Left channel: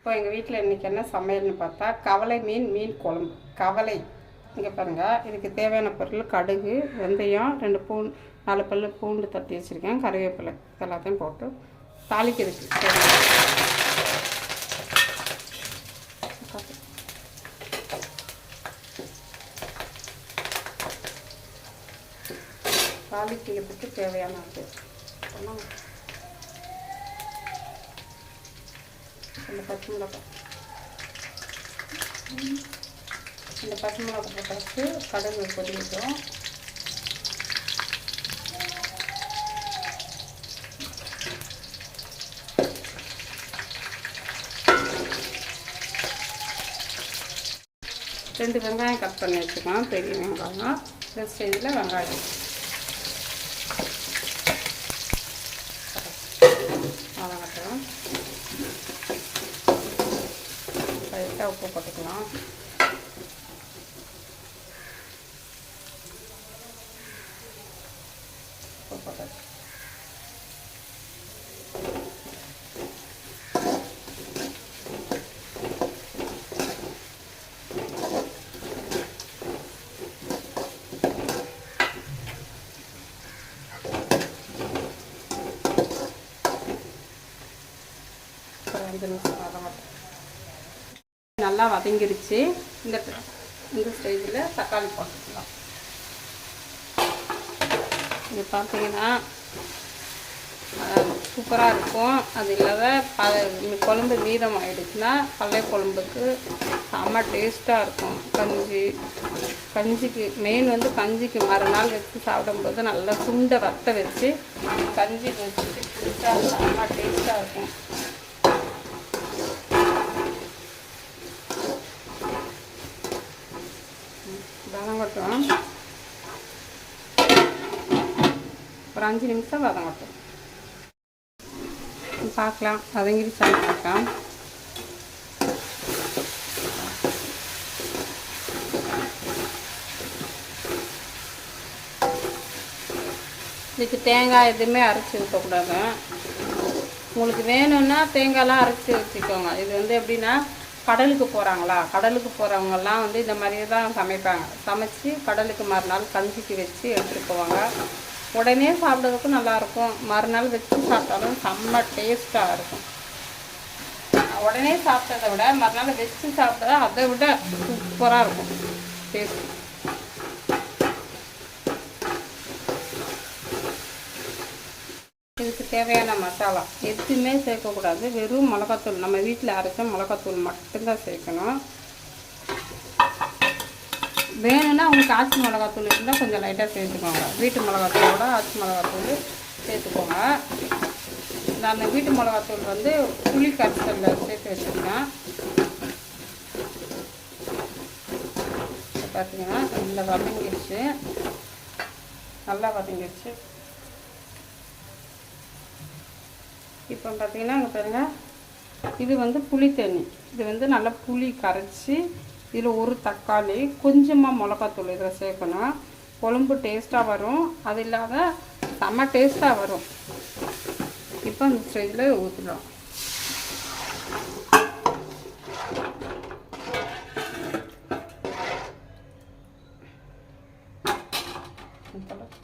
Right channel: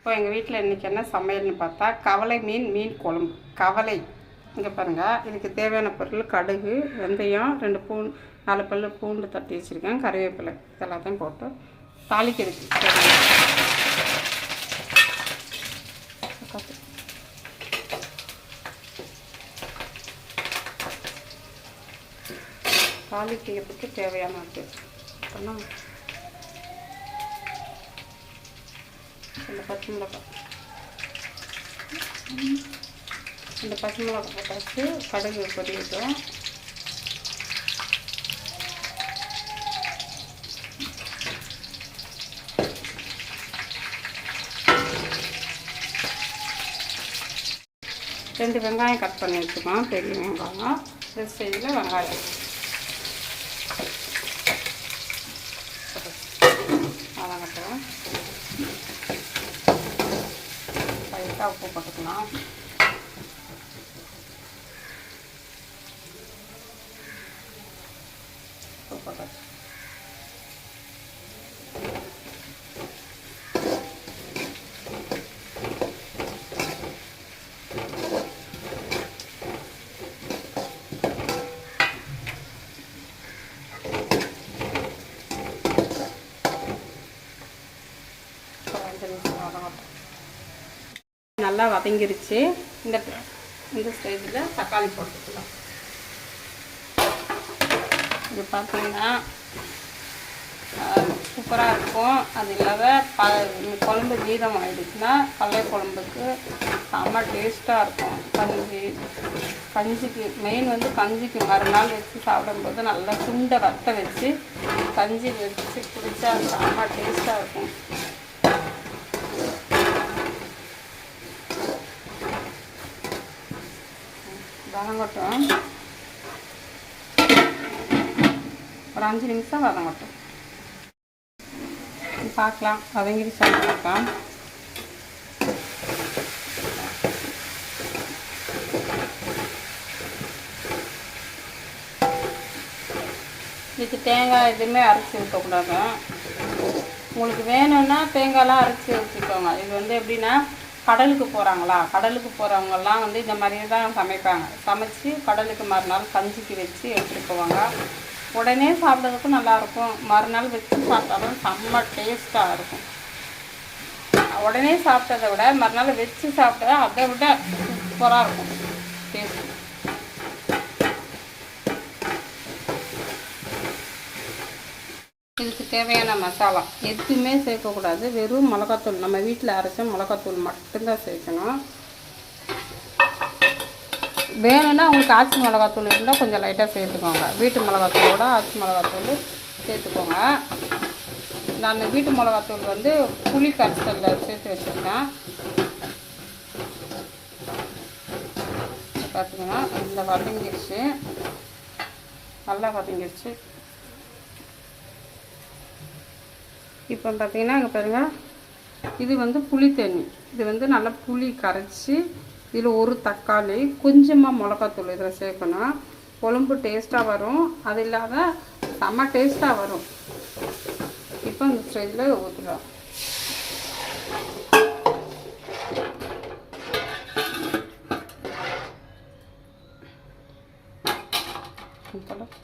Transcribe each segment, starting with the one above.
இப்போ எங்கள் வீட்டில் இன்றைக்கி என்ன சமையல்னு பார்த்தா கவலை மீன் மீன் குழம்பு. கவலை. இங்கே பாருங்கள் இதுக்கு தேவையான பொருள் கடுகு வெந்தயம் ரெண்டு பூ நாலு பல்லு பூண்டு தட்டி வச்சுருக்கேன் கருவேப்பிலை. இதெல்லாத்தையும் போட்டு தாளிக்கிறதுக்கு தாளிக்கிறதுக்கு தேவையானது பண்ணலாம் இந்த பச்சை மிளகாய் இந்த பச்சை மிளகாய் போட்டாச்சு கடுகு பொரியட்டும். ரெண்டு வெங்காயம் கட் பண்ணி வச்சுக்கலாம் பெரிய வெங்காயம். இந்த சைடில் வெங்காயம் வதங்கட்டும் லைட்டாக உப்பு போட்டுக்கலாம் உப்பு போட்டு ஒரு அஞ்சு நிமிஷம் வதங்கட்டும் நல்லா வதங்கிருச்சு. இந்த இந்த ஸ்டேஜில் தக்காளி போட்டுக்கலாம். இது பார்த்தீங்கன்னா சூப்பராக இருக்கும். அது இல்லாத ப இந்த குழம்பு மீதம் ஆகிடுச்சுன்னா பழைய குழம்புக்கு செம்ம டேஸ்ட்டாக இருக்கும். பஞ்சு பஞ்சுக்கு மெயின் வந்து பஞ்சுக்கு மறுநாள் வச்சு சாப்பிடும்போது நல்லா சுண்டை வத்த வச்சு கஞ்சி வச்சு குடிச்சா செம்ம டேஸ்ட்டாக இருக்கும். வதங்கட்டும் ஒரு அஞ்சு நிமிஷம் வதங்கட்டும் பார்க்கலாம். வதங்கிருச்சான்னு பார்க்கலாம். இதுக்கு தேங்காய் எதுவுமே அரைச்சி ஊற்றக்கூடாது. உங்களுக்கு வேணும்னா தேங்காயெலாம் அரைச்சி வச்சுக்கோங்க இது வந்து எப்படின்னா கடலுக்கு போகிறாங்களா கடலுக்கு போகிறவங்கெல்லாம் வந்து இந்த மாதிரி தான் சமைப்பாங்க. சமைச்சு கடலுக்கு மறுநாள் கஞ்சிக்கு வச்சு எடுத்துகிட்டு போவாங்க. உடனே சாப்பிட்றதுக்கு நல்லாயிருக்கும். மறுநாள் வச்சு சாப்பிட்டாலும் செம்ம டேஸ்ட்டாக இருக்கும். உடனே சாப்பிட்டதை விட மறுநாள் வச்சு சாப்பிட்டா அதை விட சூப்பராக இருக்கும். டேஸ்ட் இதுக்கு தேவையான மசாலா எதுவுமே சேர்க்கக்கூடாது. வெறும் மிளகாத்தூள். நம்ம வீட்டில் அரைச்ச மிளகாத்தூள் மட்டும்தான் சேர்க்கணும். வேணும்னா உங்களுக்கு ஆச்சி மிளகாத்தூள் இருந்தால் கொஞ்சம் லைட்டாக சேர்த்துக்கோங்க. வீட்டு மிளகாத்தூளோட ஆச்சி மிளகாத்தூள் சேர்த்துக்கோங்க. நான் வீட்டு மிளகாத்தூள் வந்து புளி கரைசலில் சேர்த்து வச்சுருக்கேன். பார்த்தீங்கன்னா இந்த வதங்கிடுச்சு நல்லா வதங்கிடுச்சு இப்போ பார்த்தீங்கன்னா இங்கே பாருங்கள் இது வந்து புளி தண்ணி இது வந்து நல்லா புளி கரைச்சி இதில் ஒரு தக்காளி கொஞ்சமாக மிளகாத்தூள் இதில் சேர்க்கணும். குழம்பு டேஸ்ட்டாக வரும். அது இல்லாத செம்ம டேஸ்ட்டாக வரும். இப்போ இந்த ஸ்டேஜில் ஊற்றிடலாம் இப்போலாம்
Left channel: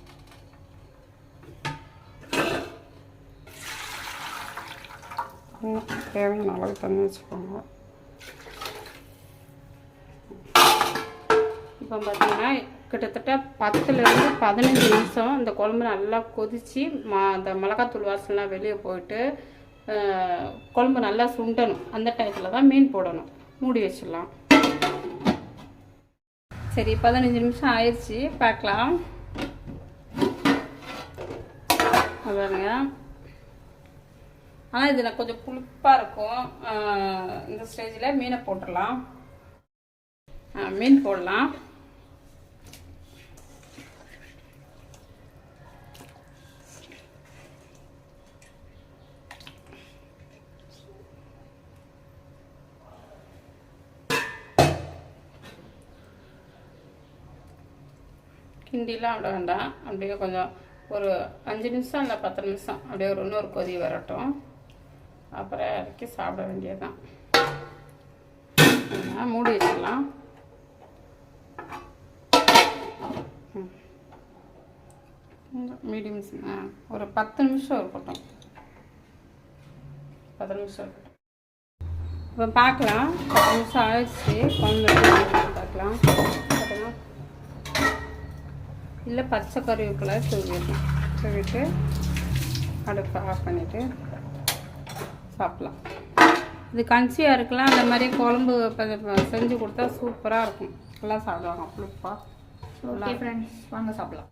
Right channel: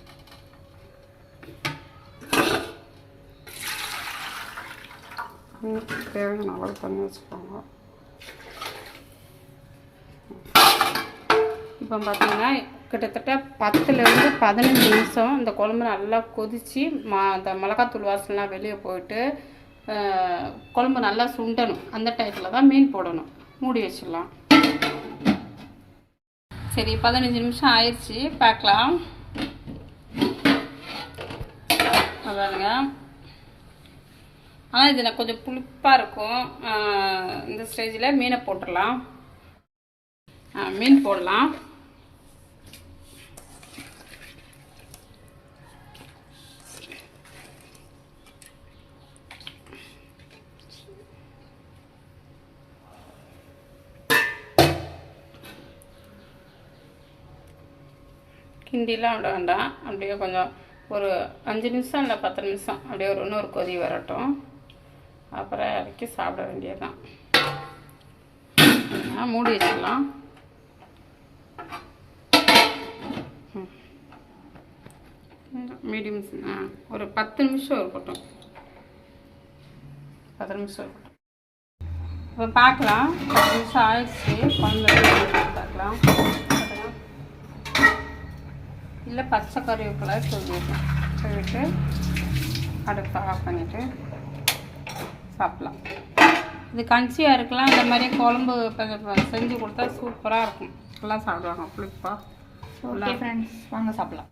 தேவையான அளவு தண்ணி வச்சுக்கோங்க இப்போ பார்த்தீங்கன்னா கிட்டத்தட்ட பத்துலேருந்து பதினஞ்சு நிமிஷம் இந்த குழம்பு நல்லா கொதித்து மா அந்த மிளகாத்தூள் வாசலாம் வெளியே போயிட்டு குழம்பு நல்லா சுண்டணும். அந்த டயத்தில் தான் மீன் போடணும். மூடி வச்சிடலாம். சரி பதினஞ்சு நிமிஷம் ஆயிடுச்சு. பார்க்கலாம். அதானுங்க. ஆனால் இது நான் கொஞ்சம் புளிப்பாக இருக்கும். இந்த ஸ்டேஜில் மீனை போட்டுடலாம். மீன் போடலாம். கிண்டிலாம் விட வேண்டாம். அப்படியே கொஞ்சம் ஒரு அஞ்சு நிமிஷம் இல்லை பத்து நிமிஷம். அப்படியே ஒரு இன்னொரு கொதி வரட்டும். அப்புறம் இறக்கி சாப்பிட வேண்டியதுதான். வச்சுருங்க மூடி வச்சிடலாம்? மீடியம் ஒரு பத்து நிமிஷம் இருக்கட்டும். பத்து நிமிஷம் இருக்கட்டும். இப்போ பார்க்கலாம். பத்து நிமிஷம் ஆயிடுச்சு. குழம்பு பார்க்கலாம். இல்லை பச்சை கறிவேப்பிலை தூவிடணும். தூவிட்டு அடுப்பு ஆஃப் பண்ணிவிட்டு சாப்பிட்லாம். இது கஞ்சியாக இருக்கலாம் இந்த மாதிரி குழம்பு செஞ்சு கொடுத்தா சூப்பராக இருக்கும். எல்லாம் சாப்பிடுவாங்க புளிப்பா. ஓகே ஃப்ரெண்ட்ஸ் வாங்க சாப்பிடலாம்.